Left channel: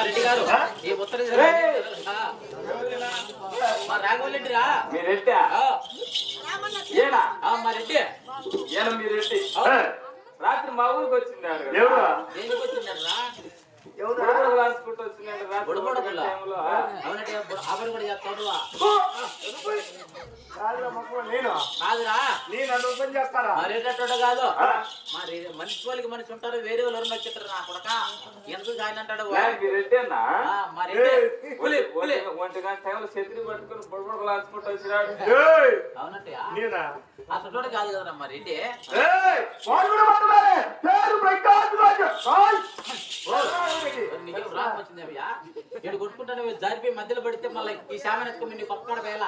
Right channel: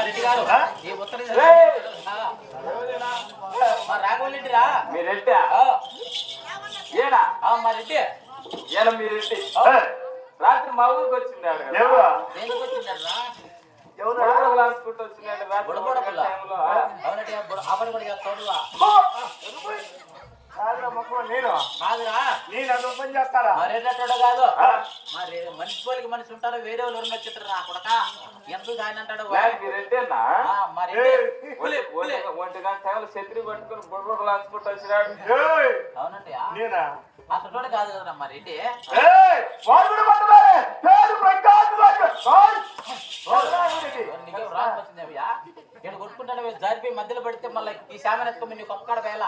రెడ్డి గారు ఈ ఉత్తర రాఘవరెడ్డిరా మీరు రెడ్డి ఏనా మా రెడ్డి ఏనా మీరు రెడ్డి రాత్రి మా ఊరికి వచ్చిందారు దేనికి వచ్చిందరా బుడబుడపుల్లా అవునంటే అవరు కూడా చేస్తావు కాదురా మరేటట్టు కాదు మరి మనిషి పోలికి మనిషి ఉంటారు వేరే వాళ్ళు ఎవరు వచ్చేటారు నా కొడక ఎందుకు ఆయన అంటాడు అవునంటే అసలు కాదు కదా మరి ఏంటి నీకేం రాసి వచ్చింది అయ్యా నేను కొట్టుకుంటానే జారిపోయి మధ్యలో పడితే మళ్ళీ ఈ శామని ఎత్తుకొని నీకు ఒక్కడ వేళ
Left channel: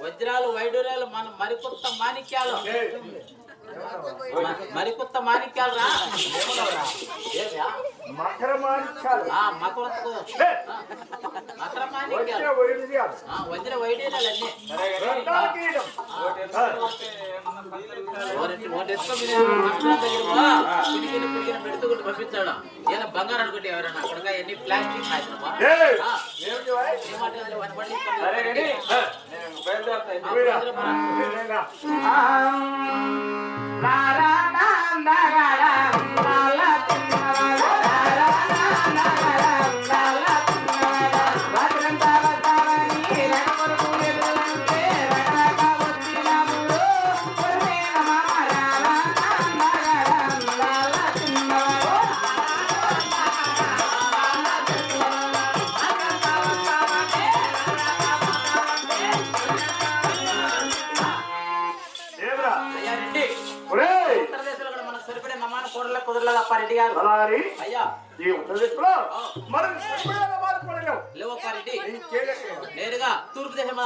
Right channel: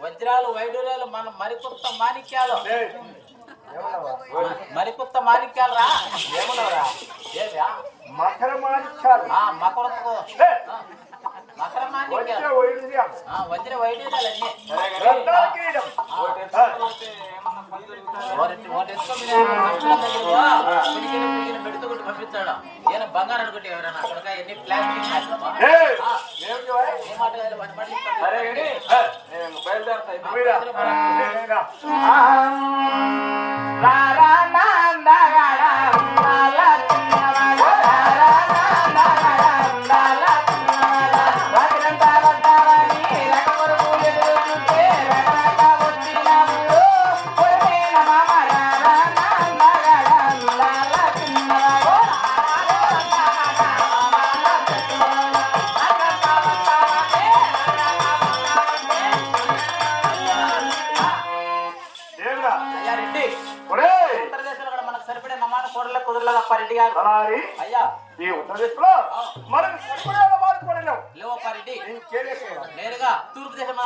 వజ్రాలు వైడూర్యాలు మన మరికొత్త మాణిక్యాలు మరికొత్త మాణిక్యాలు రా మకర మాణిక్యాలు మకర మాణిక్యాలు వజ్ర వైడూర్యాలు అన్నీ పెడుతూ పంపించాడు ఏదైనా బంగారం అనుకుంటే ఎవరైనా అక్కడ ఎన్ని ప్లాస్టిక్ ఏ మాట నేరుగా తూర్పు దేశం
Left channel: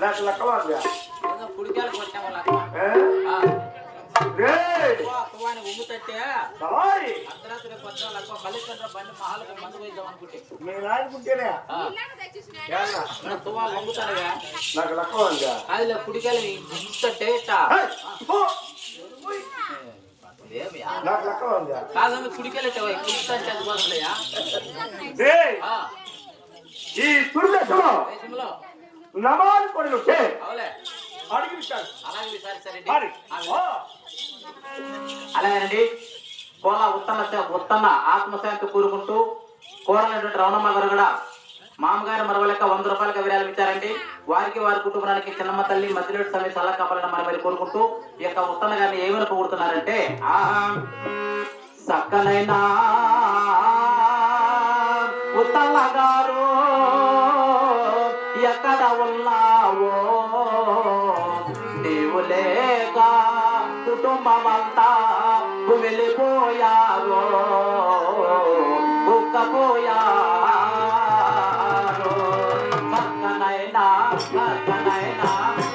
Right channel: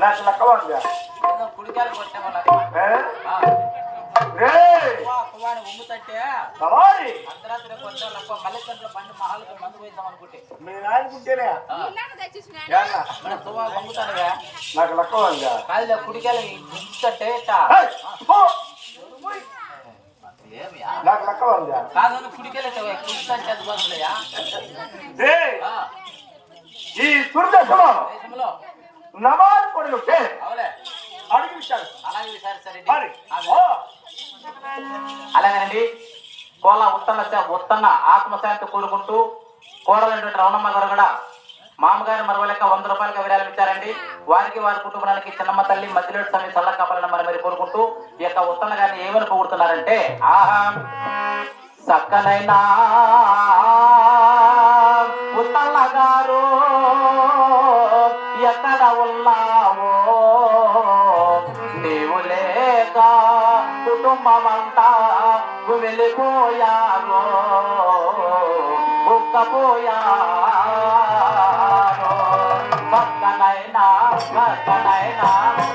నాకు లక్కవా కుడికాయలు కొట్టాము ఉమ్ముతంటే అర్ధరాత్రి కొంచెం లక్క మళ్ళీ బండి మహాలకు మందు పోయిద్దాం అనుకుంటే నేను ఆడుకుంటేనే మన తువాలు వంగుతానుగా నాకు లక్కవా కాదు కుడికాయలు గుంజుతంటే నాకు లక్కవా కాదు కుడికాయలు గుంజుతంటే అది కోసలేయా ఈ దుర్దశలో దేశంలో నమాజ్ పడుతుంటే అవులే అడిగించాడు. అలాగే సరే మరి అలాగేనండి. కోలా ఉత్తమ ఆత్మశాంతి కోరుకుంటూ కోరాలైనటువంటి రమణమ్మ గారు కూడా మామగారి మరవలేక 100 రూపాయలకి విరాళం ఇచ్చారండి. వారికి వారి కుటుంబానికి చిన్నమ్మ తల్లి మధ్యలోటి సమయం చల్ల కాపాలని మరి మీరు కోరుకుంటూ ఈ యొక్క ఉత్తమ గారిని ఏమని పొగుడుతున్నారంటే, ఆహా సక్కనైనా ఉత్తమ గారు ఎక్కడ ఉన్నావో నీవు లేక కుటుంబమంతా వెళ్ళిపోయారో ఉక్కపోయారో పక్కనైనా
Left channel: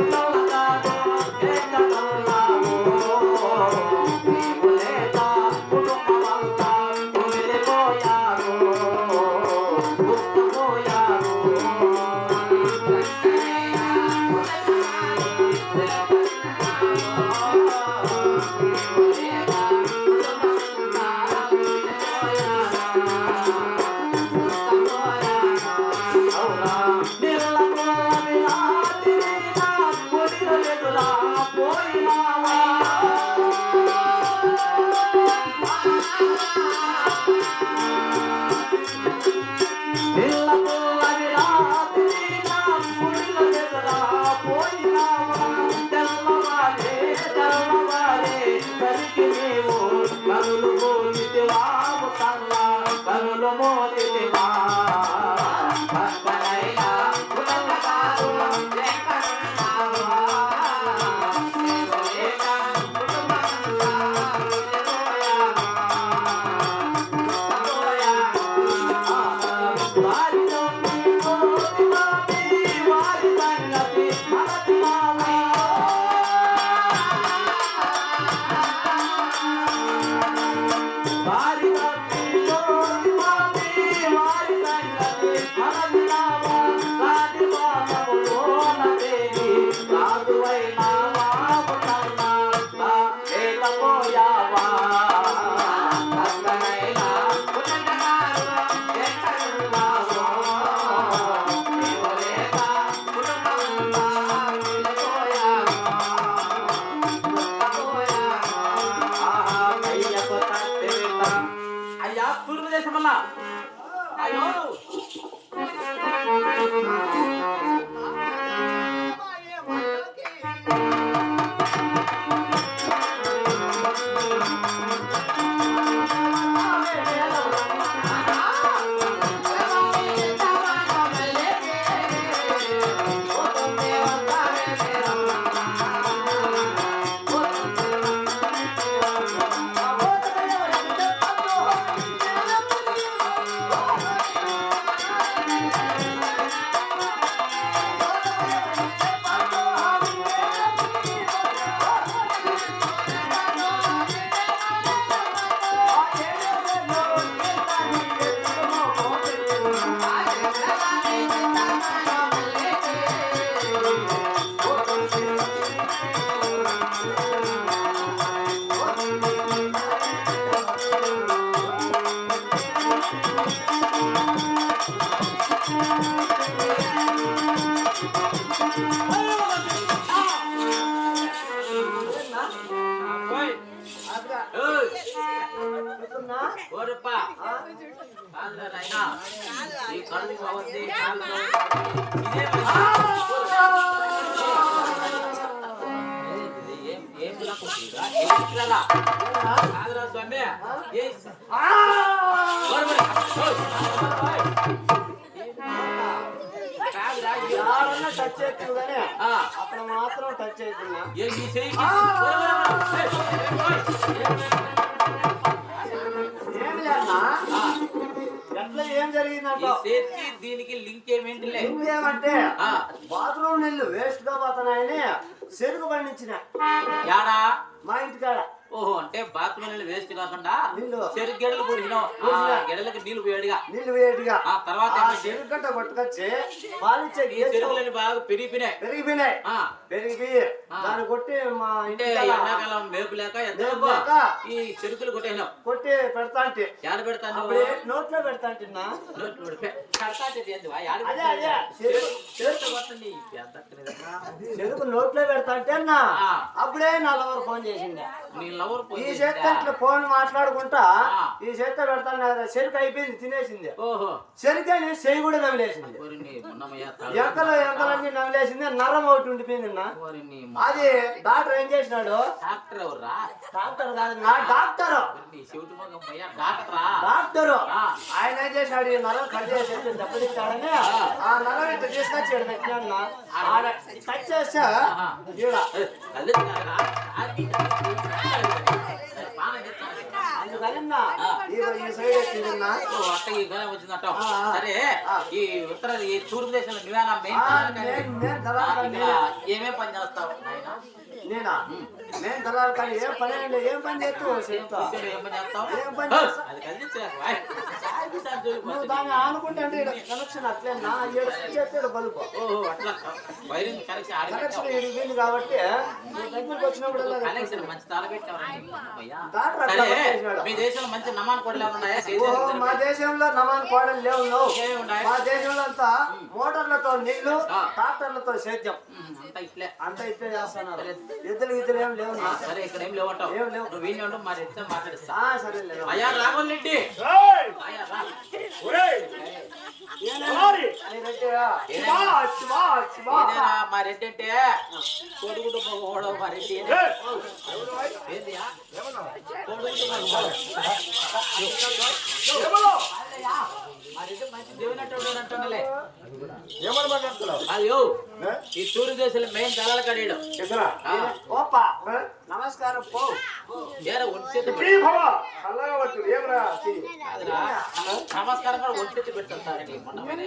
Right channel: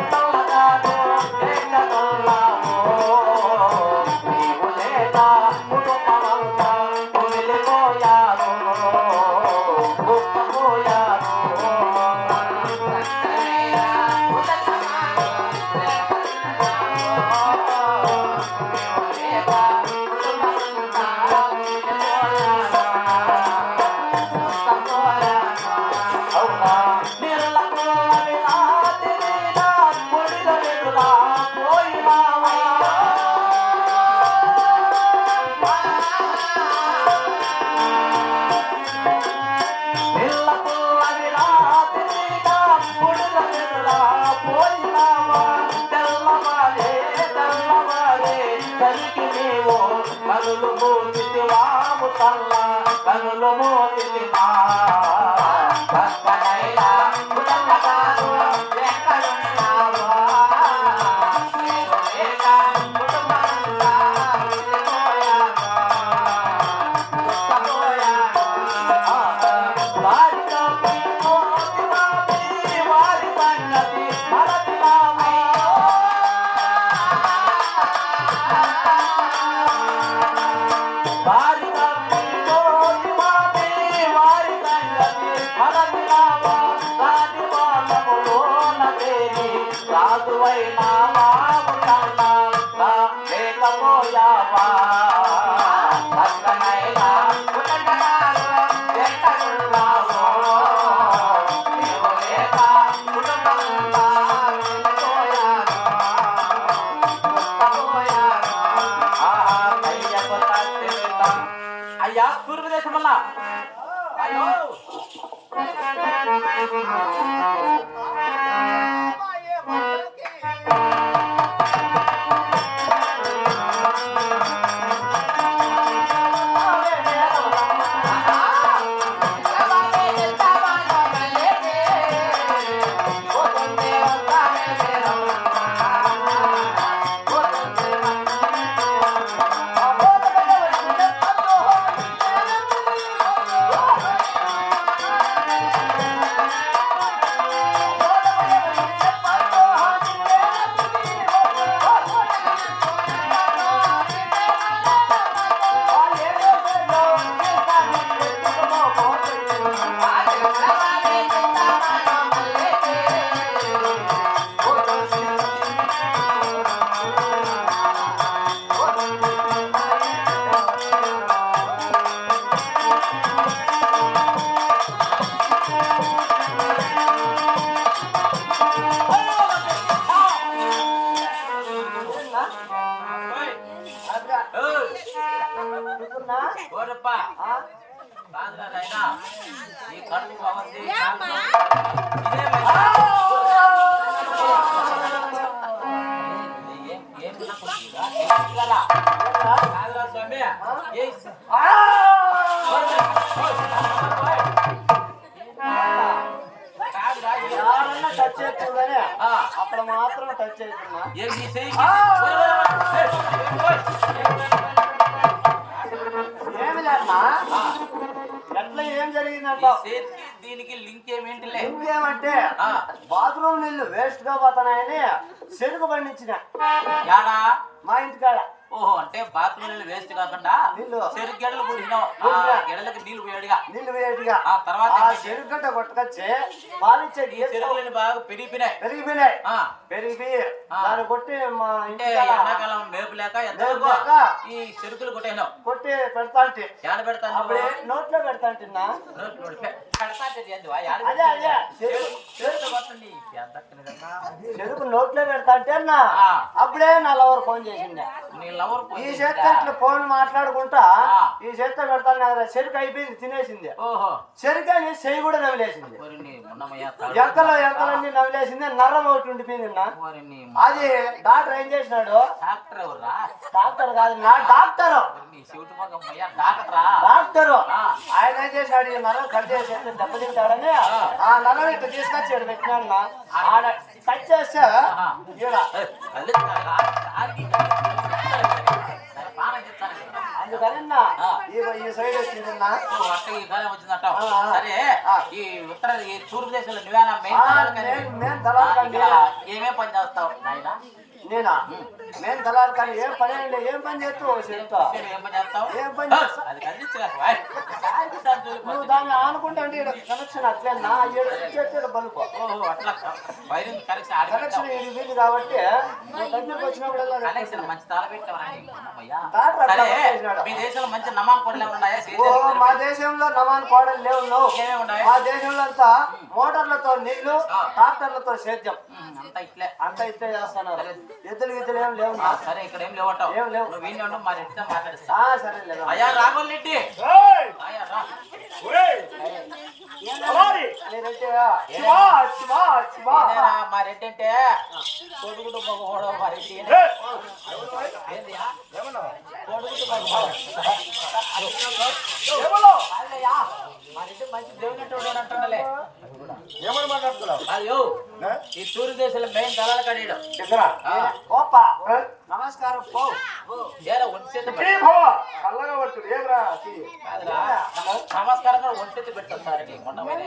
ఉత్తమ గారు ఎక్కడ ఉన్నావో నీవు లేక కుటుంబమంతా వెళ్ళిపోయారో ఉక్కపోయారో కనులు మోతివా అయ్యా తూర్పుదేశం వల్ల అయ్యో ఓరప్ప కాదురా నాయనా ఈ కడుపు బాగుంది కాదురా స్వామి అక్కడ మాత్రం టచ్ అవుతుందా? ఏం జరిగిందంటే దీనికి లింక్ ఏమేంటిలే ఏమంటే బాత్రూమ్ నీళ్ళు వేస్ట్ గా పోతున్నాయని చెరుకు పండించిన యాడా మా ఇంటికాడ ఓహో అంటే బాత్రూమ్ నీళ్ళు వేస్ట్ కాకుండా నీళ్ళు. చెరుకు గెడలు పూడిసినావు గెడలకు నీళ్లు పోయాడుగా నీళ్ళు వేడిగా ఆ తర్వాత ఆ ఏమిటి? చెరుగడ్డ కొట్టుకొచ్చి పాలిచ్చే ఈ చెరుకులని బాగా పెరిగిపోయినాయి పెరిగిపోయినాయి ఆ, పెరిగిపోయి దాన్ని కొట్టి మా అంటే ఇంటి ఎండాకాలం మేపు లేక ఎంతవరకు లేక ఈ చెరుకులు కొట్టేసినావు కొట్టి పెడతా అంటే యాడ పెడతాను అప్పుడే నోట్లో పెడతా అంటున్నా అదే అదే చెరుకు నోట్లో పెడతా అంటే అన్నా ఆ. అప్పుడే నా లవర్ ఫోన్ చేసిండే నీ లవర్ ఈ చేత ఇట్లా ఫోన్ మాట్లాడుకుంటా ఆ. ఈ చేత పెడతాను కదా చెరుకు అయిపోయింది తినేసింది ఓహో చెరుకు అని చెయ్యి కూడా నవ్వులేసింది ఓరిని మొన్నమయ్య ఎంకలన్నీ నవ్వులేసింది నరం ఒకటి ఉండిపోయింది నా ఓరిని అది డాక్టర్ ఏం చేసినాడు డాక్టర్ ఎవర్రా డాక్టర్ కాదు నా డాక్టర్ ఓరిని శివుటి మగం అయ్యా డాక్టరా డాక్టర్ ఆ. ఆయన ఏం చేసినాడు ఈ నరం కట్ చేసి దెబ్బతింటాడని ఆ నరం ఇట్లా తీసుకొచ్చి ఈడ పెట్టినాడు నా ఆడ కట్ చేస్తే ఈడ అందుకని నా ఈ సైడ్ వచ్చింది నా వచ్చిందట ఆ, ఆ. సరే ఆ. ఈ ఉత్తర ఈ తూర్పు దేశంలో నువ్వేనా మెయిన్ నేను దళాలు ఇక్కడ ఏమేం పని చేస్తావు నాయనా నేనా నేను దళాలు కానీ ఏం పని లేదు ఏం పని చేస్తావు చెప్తా ఏం పని చేస్తావు ఏం పని చేస్తావు? అది కలిగించలేక నువ్వు దాన్ని ఆనుకుంటే అంటే ఇక్కడ కనెక్షన్ అట్లే నా ఏడు బల్బు ఓహో అట్లా వైరింగ్ కనెక్షన్ కనెక్షన్ ఇది వీలు కాబట్టి నువ్వు దగ్గరికి వచ్చినప్పుడు కనెక్షన్ మంచి తాళ పెట్టావయ్యా డాక్టర్ సరే అట్లా చేసినాడు. మీ దేశంలో మంచి నమాన్ కొడలే ఉన్నాయా ఓ, మా దేశంలో నమాన్ కోడలు లేవు నువ్వు. ఏమేమి ఉన్నాయి మా దేశంలో అంతా మోటార్లతో నీళ్లు ఆ. ట్రాక్టర్లతో సేద్యం అంతా ఇట్లే అంతా ఇట్లే చేస్తున్నారు ఎద్దులు గిద్దులు ఏం లేవు నా. సరే ఇక్కడ ఏం లేవంటావు ఏం లేవు. నువ్వు వీళ్ళు ఉండవు మరి ఎట్లా మాట్లాడిస్తా సరే లేవు అయ్యా రాఘవల్ రెడ్డి అయ్యా రా ఏదేనా మా రెడ్డి అంటే కొడుకుడు మగపోవడం మా రెడ్డి ఏందియా కొడుకుడు మగపోవడం మా రెడ్డి మంచి దేవుని అంటుండలే అయ్యో ఈ తూర్పు దేశంలో మెయిన్ దళాలు కడియడం నమస్కారం పో ఏరా ఒంటి చేతి కాదురా నమస్కారం కూడా ఒంటి చేతి పెట్టుకుంటారండి మొన్న పోయినా.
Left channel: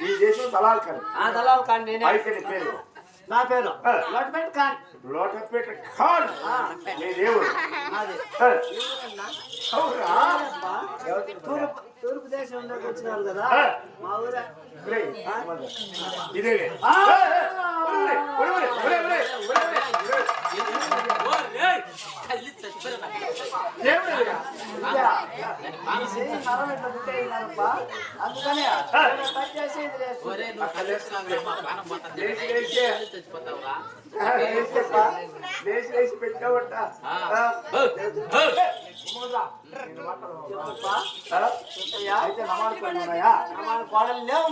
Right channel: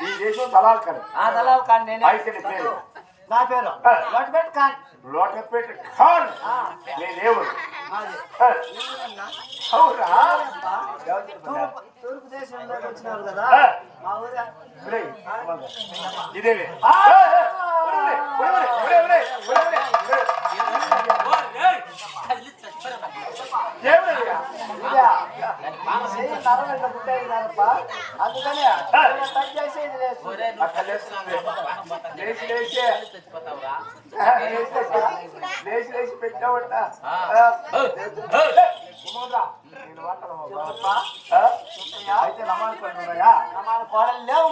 ఈ దేశం దళాలు కాదు దళాలు కాదు నేనే నా పేరు లోటపేట ఖాన్ లోటపేట ఖాన్ నీ దేవుడు మాది అవునా తూర్పు దేశంలోకి వచ్చినారు కదా మా ఊరే ఇదేలే ఓ రేయ్! తల్లి చచ్చిపోయారు నాకు. అందుకని ఒరే నువ్వు తల్లి చచ్చిపోయావు, ప్రాణం పోతుంది. లేచి. తల్లి చచ్చిపోతావురా. లేచి పెట్టావట ఆ. ఓ, ఓ. అయితే నమాలు పనులు ఉన్నాయా నమాలు కోడలు లేవు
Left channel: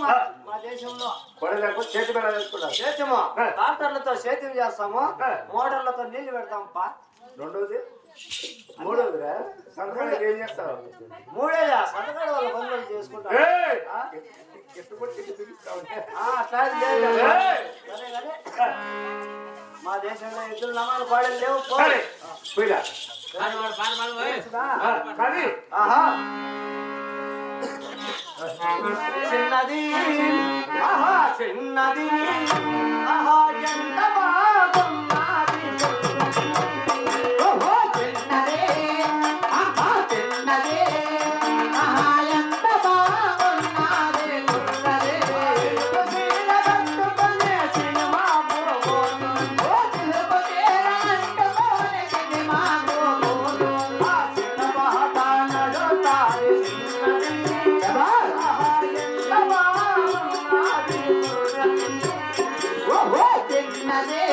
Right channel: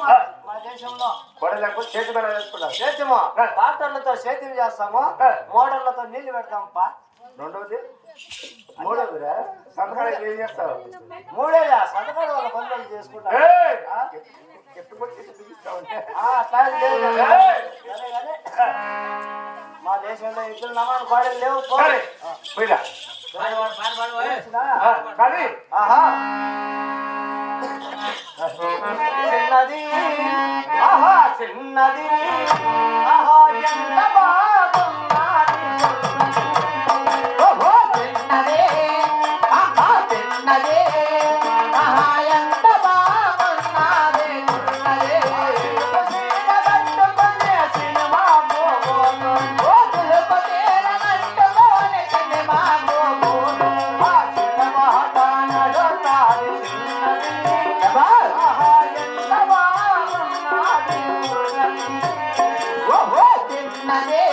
మా దేశంలో కొడలు లేకపోతే చేతి కూడా వేసుకున్నావు చేతము ట్రాక్టర్లతో సేద్యం చేస్తాము మోటార్లతో నీళ్లు పెడతామప్ప రెండోది మూడోది సంక్రాంతి ఏం చేస్తావు మూడేదా సంతకాల వాళ్ళ పనులు చేసుకుంటాం ఎట్టుబడి పిలుస్తా ఉంటే అట్లా లేదు కదా. ఏయ్! సరే కానీ మా దేశంలో ఇద్దరు నమాలు కోడలు లేవు పో. పోయిరా పాడు, పాడు, పాడు, పాడు, ఓయ్. కానీ ఆహా చిన్నది ఆహా చిన్నది ఆహా ఎంత బాగున్నది ఓహో చిన్నది ఆహా చిన్నది ఆహా ఎంత బాగున్నది చిన్నది సినిమా గోగోను ఓ తిరుపతి అంటమోని సినిమా గోగోను ఆ సినిమా తానడతారు చిన్నది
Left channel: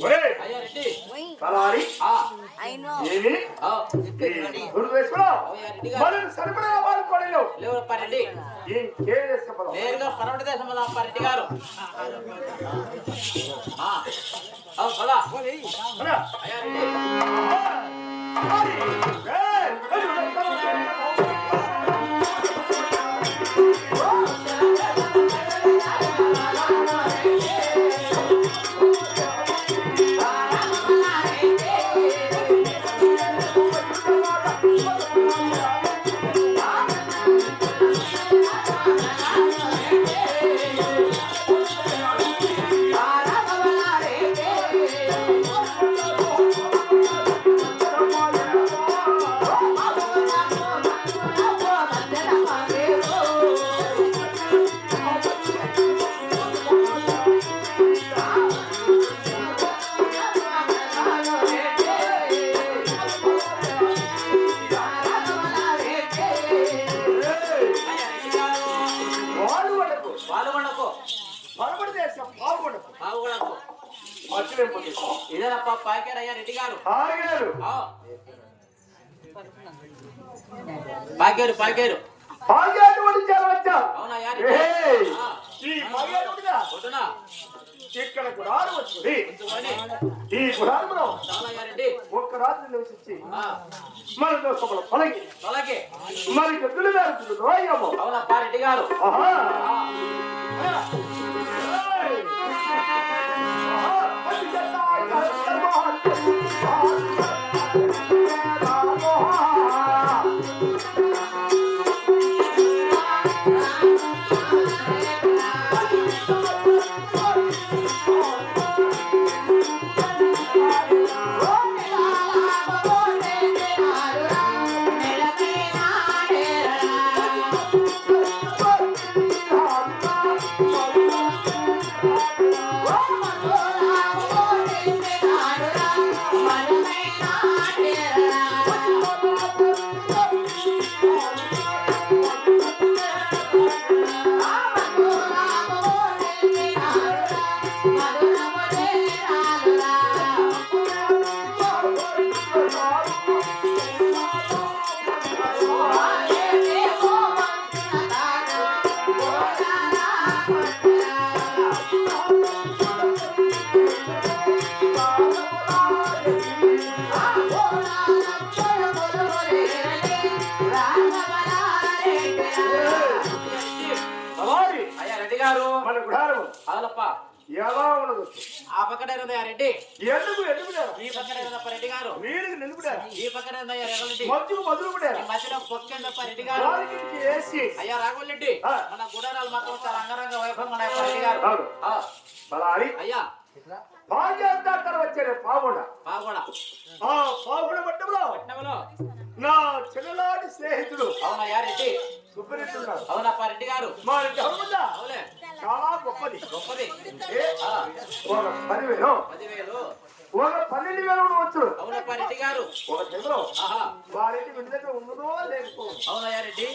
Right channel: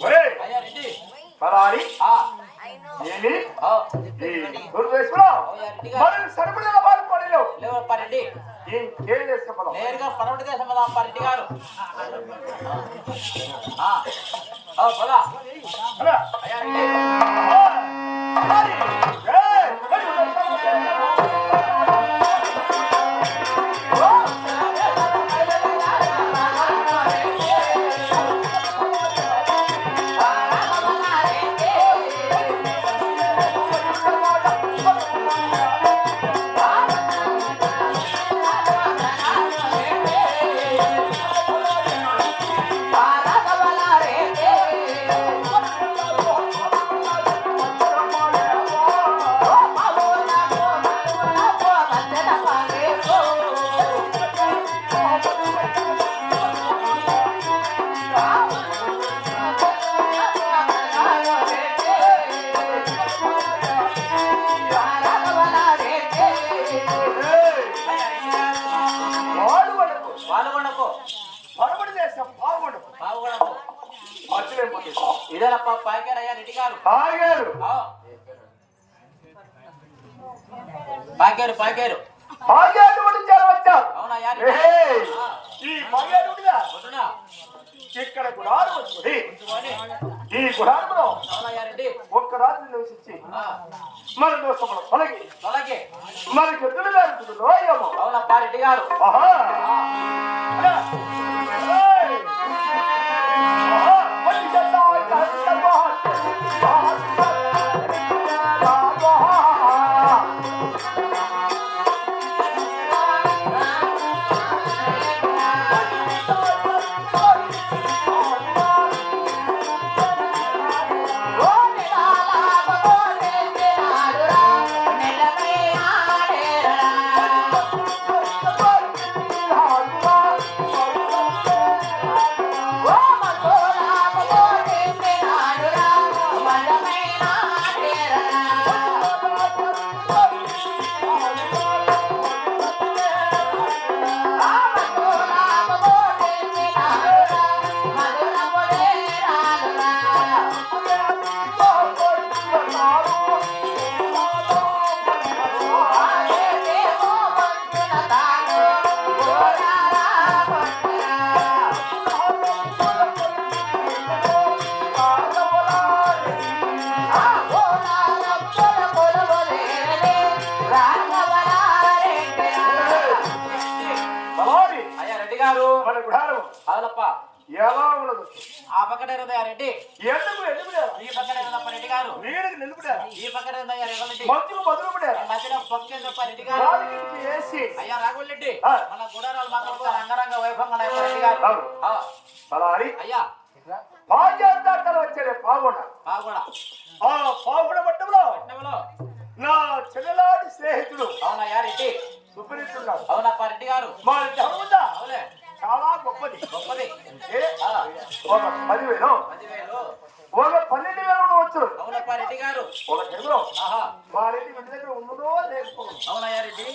ఒరేయ్, అయ్యా రెడ్డి పలారి ఆ, ఏమి ఆ, ఈ దుర్వేషంలో అయ్యా రెడ్డి గారు మరి సరిపడే వాడుకోలేవు లేవప్ప రెడ్డి ఇంకే చెప్పడం నేరుగా పడవటి దేశం కదా అప్ప రెడ్డి గారు ఆ, ఆ, పదా అలా అయ్యా రెడ్డి మరి ఏయ్, పాల్గొనకు పాల్గొనకు మరొకటి దేశం పాల్గొనకు పాల్గొనకు మర్చిపోతే ఇదేనప్ప పాకారు అయ్యా రెడ్డి గారు ఆగారు ఆ. పాకారు పాకారు ఆగారు వచ్చారు అవునయ్యా ఏయ్, ఆ, ఈ మగేరుడుగా వద్దునా ఇక్కడ గుడారు వచ్చింది ఉంచుకొని ఈ గుడారంలో అవునయ్యా రెడ్డి ఒక్క రాత్రి నివసించి ఆ, మన దోషములు తొలగి అలాగే మరి గదులు జరుగుతుంది రోయము అవునప్ప రెడ్డి గారు ఆహా ఆ, అలా. ఏయ్! ఆహా! వచ్చి చేద్దాం. చేద్దాం. అలాగే అయ్యా రెడ్డి గారు మన గుడారం అవునప్ప ఎలా ఉన్నది ఆ పక్కనే ఉందయ్యా రెడ్డి ఎందుకు ఎందుకులేరా ఈ పక్కనే ఉందప్ప రెడ్డి గారు నీడికి నిలుపుడారా ఈ పక్కనే ఉందయ్యా రెడ్డి మధ్యకు బదులుపడారా మధ్యన పక్కేందప్ప రెడ్డి గారు రాజకీయ వేసి అయ్యా రాఘవరెడ్డి ఆ. మన గుడారాలు మాత్రం చాలా అంగరంగ వైభవంగా ఉన్నాయి రెడ్డి గారు అవును. ఆ, అలాగే అయ్యా పాజాతాతర వచ్చారే పావుడ బాగుడా ఆ పావుడ పట్టంలో పట్నంలో నా చెల్లెలాంటి స్నేహితుడు అవునయ్యా రెడ్డి సుబ్రహ్మణ్యుడు అవునప్ప రెడ్డి గారు మా గ్రహం ఉందా అవులే చాలా గొప్పది గొప్పది ఏ, ఒక 10,000 10,000 ఒక 12,000 వచ్చు అవునప్ప రెడ్డి గారు ఒక తెలుగు ఆహా మా రెడ్డి విడుదల ఉన్నదో లేకపోవడం అవునయ్యా రెడ్డి